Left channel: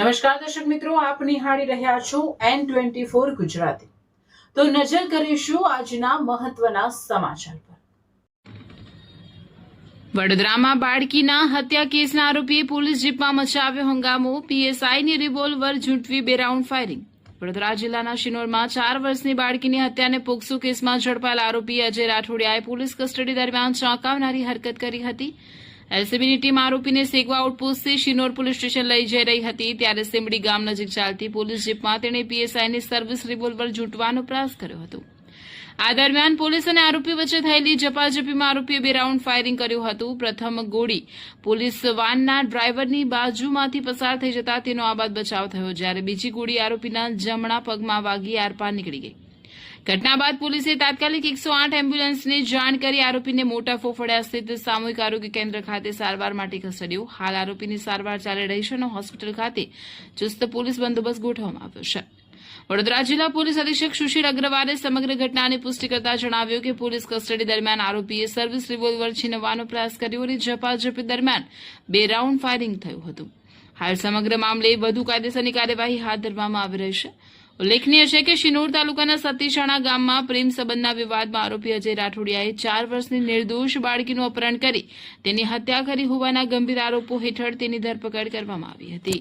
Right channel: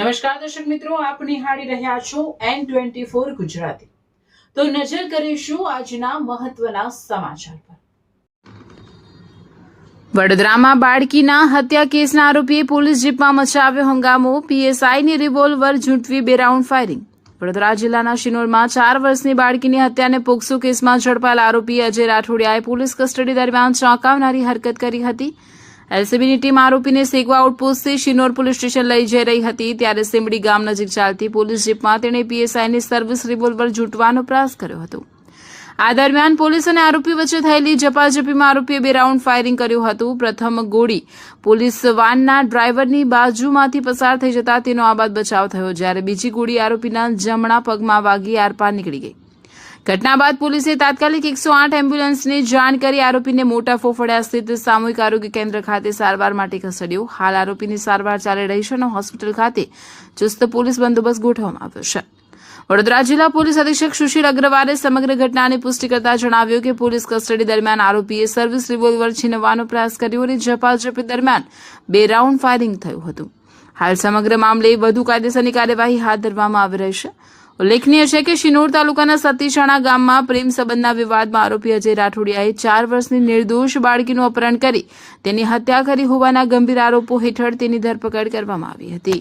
નમસ્કાર દર્શક મિત્રો, આપ નિહાળી રહ્યા છો N24 ગુજરાતી। તો નજર કરીશું આજના મહત્વના સમાચાર પર। વડોદરામાં બાળકીના હત્યા કેસના આરોપીએ પોલીસ જીપમાં મચાવ્યો હંગામો। પીએસઆઈની રિવોલ્વર ઝૂંટવી 2 રાઉન્ડ ફાયરિંગ। વડોદરા જિલ્લાના શિનોરમાં 4 વર્ષની બાળકીની હત્યાને પોક્સો કેસમાં ઝડપાયેલ આરોપી અજય રાઠોડિયાએ પોલીસ કસ્ટડી દરમિયાન ચોંકાવનારી હરકત કરી હતી। એલસીબીની ટીમ આરોપીને સેગવા આઉટપોસ્ટથી શિનોર પોલીસ સ્ટેશન લઈ જઈ રહી હતી ત્યારે સેમડી ગામ નજીક ચાલતી પોલીસ જીપમાં તેણે પીએસઆઈની સર્વિસ રિવોલ્વર ઝૂંટવાનો પ્રયાસ કર્યો હતો। આ દરમિયાન પોલીસ અને આરોપી વચ્ચે થયેલી ઝપાઝપીમાં આરોપીએ 2 રાઉન્ડ ફાયરિંગ કર્યું હતું। પ્રથમ ગોળી પોલીસ વાનના ડ્રાઈવરની બાજુમાંથી પસાર થઈ જતા તેનો આબાદ બચાવ થયો, જ્યારે બીજી ગોળી આરોપીના જમણા પગમાં વાગી આરપાર નીકળી ગઈ। ઘટના બાદ પોલીસે તાત્કાલિક 108 એમ્બ્યુલન્સને જાણ કરી આરોપીને મોટા ફોફડિયા સ્થિત સામૂહિક આરોગ્ય કેન્દ્ર ખાતે સારવાર માટે ખસેડ્યો। હાલ આરોપીની સારવાર ચાલી રહી છે અને હોસ્પિટલ ખાતે ચુસ્ત પોલીસ બંદોબસ્ત ગોઠવવામાં આવ્યો છે। વડોદરા જિલ્લા પોલીસ અધિક્ષક સુશીલ અગ્રવાલે સમગ્ર ઘટનાની પુષ્ટિ કરતા જણાવ્યું કે પોલીસ કસ્ટડી દરમિયાન આરોપીએ સર્વિસ રિવોલ્વર છીનવવાનો પ્રયાસ કર્યો અને ઝપાઝપી દરમિયાન 2 રાઉન્ડ ફાયરિંગ થયું હતું। હાલ સમગ્ર મામલે વધુ કાયદેસરની કાર્યવાહી હાથ ધરવામાં આવી રહી છે। ઉલ્લેખનીય છે કે શિનોર તાલુકાના સતીશાણા ગામમાં પ્રેમ સંબંધના વિવાદમાં આરોપી અજય રાઠોડિયાએ 4 વર્ષની નિર્દોષ બાળકીનું અપહરણ કરી તેની હત્યા કરી હોવાના ગંભીર આરોપો હેઠળ તેની ધરપકડ કરવામાં આવી હતી।